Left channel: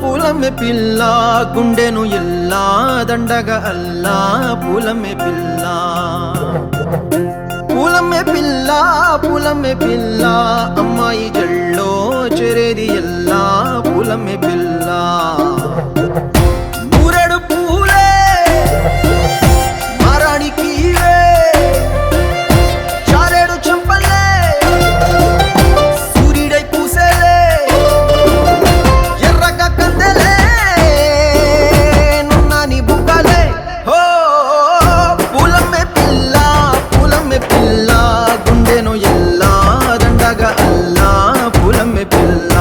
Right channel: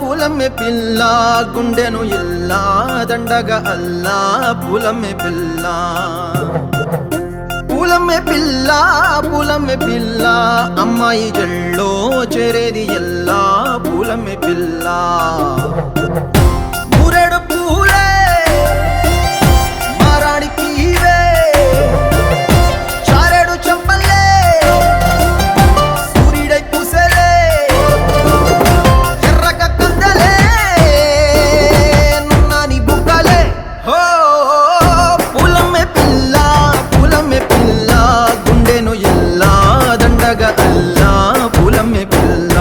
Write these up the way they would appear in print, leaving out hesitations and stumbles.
పూలమే పిల్ల గుండెను ఇల్లా దండగా అల్లా పూలమే పిల్ల పూలమే పిల్ల అమ్మాయి జల్లో చేరేది ఎల్లా పూలమే పిల్ల ఊరెడు పూలే మారాడికి చారెడు చెప్పలే సూర్యుడై పూసే ఎర్రగా కందలే నున్నాని బుక్కలే హో పూలమే పిల్ల గుండెను ఎల్లా దండగా అల్లా పూలమే పిల్ల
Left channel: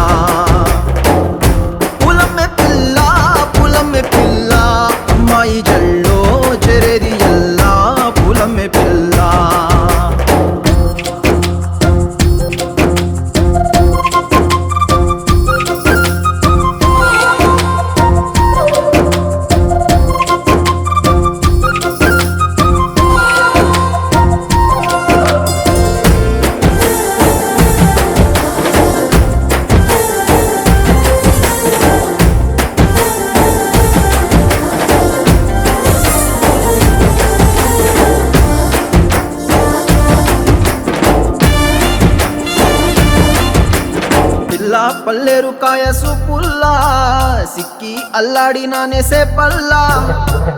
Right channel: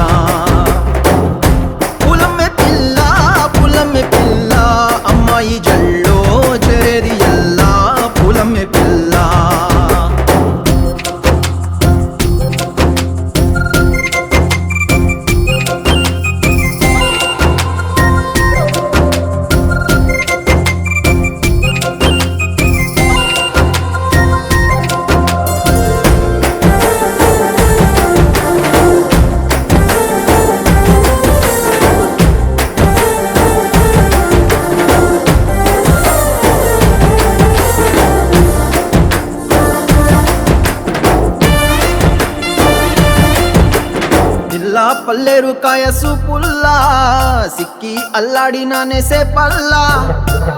అమ్మాయి జల్లో చేరేది ఎల్లా పూలమే పిల్ల పల్లేరు కాయ సూపుల్లా సిక్కి అల్లాడి నానేసే పల్లా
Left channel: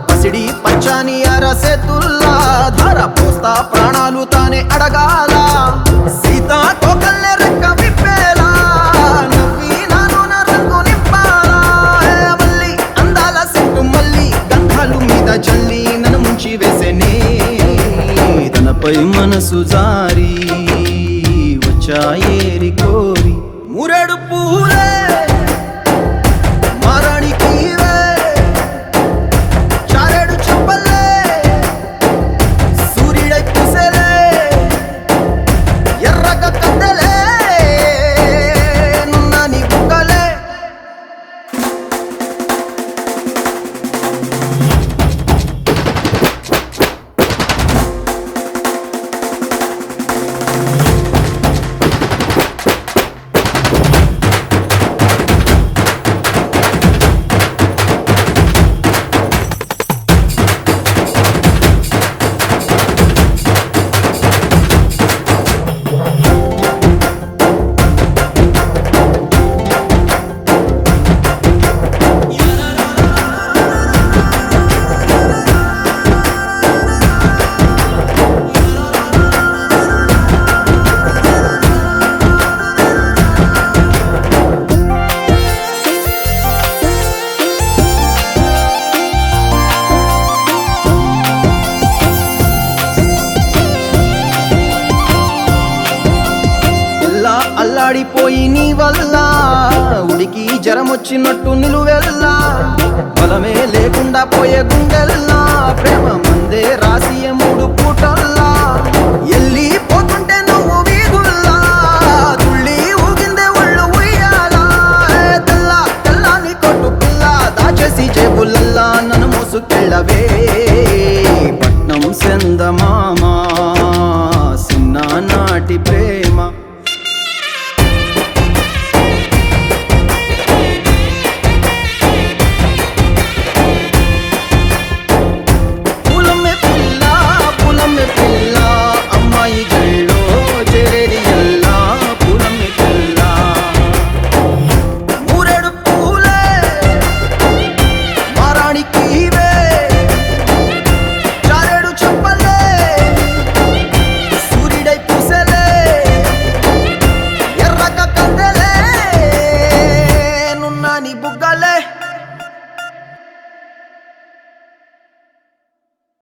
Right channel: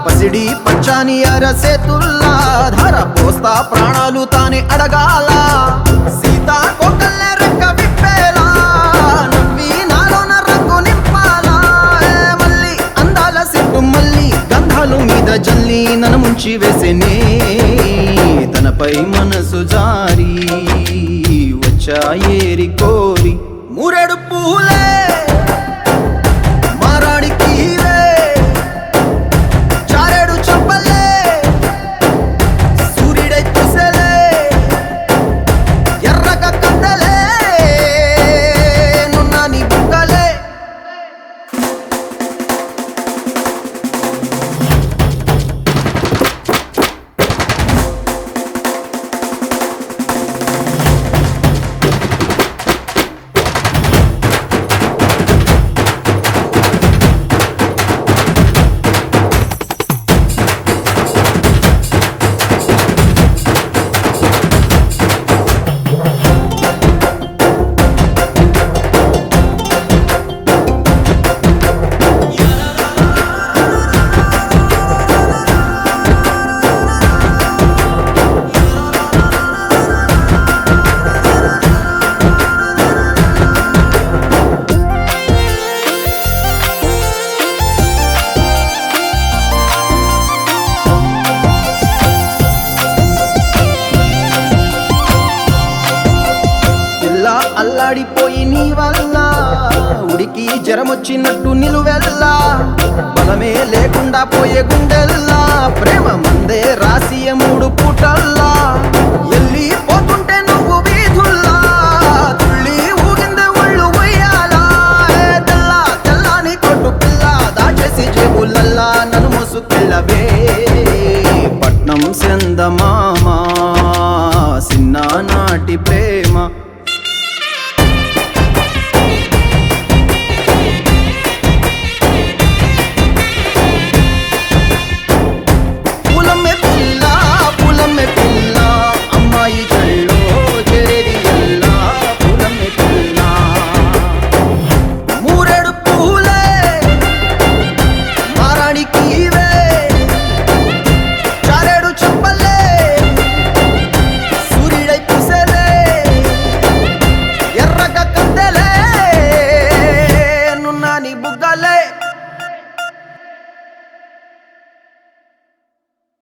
పసిడి పచ్చాని అరసే తుల్లా ధర పోస్తా ప్రాణాలు తానే అడగాల సీతా కోకల్లే రెక్క విప్పేలా నవ్వి నాలోన రంగు నింపాలా మళ్ళీ అందాల సెట్టు మళ్ళీ గంధాలు మీద జల్లి నన్ను ముంచి వేసేనే తనపై మనసు జారి వచ్చాయి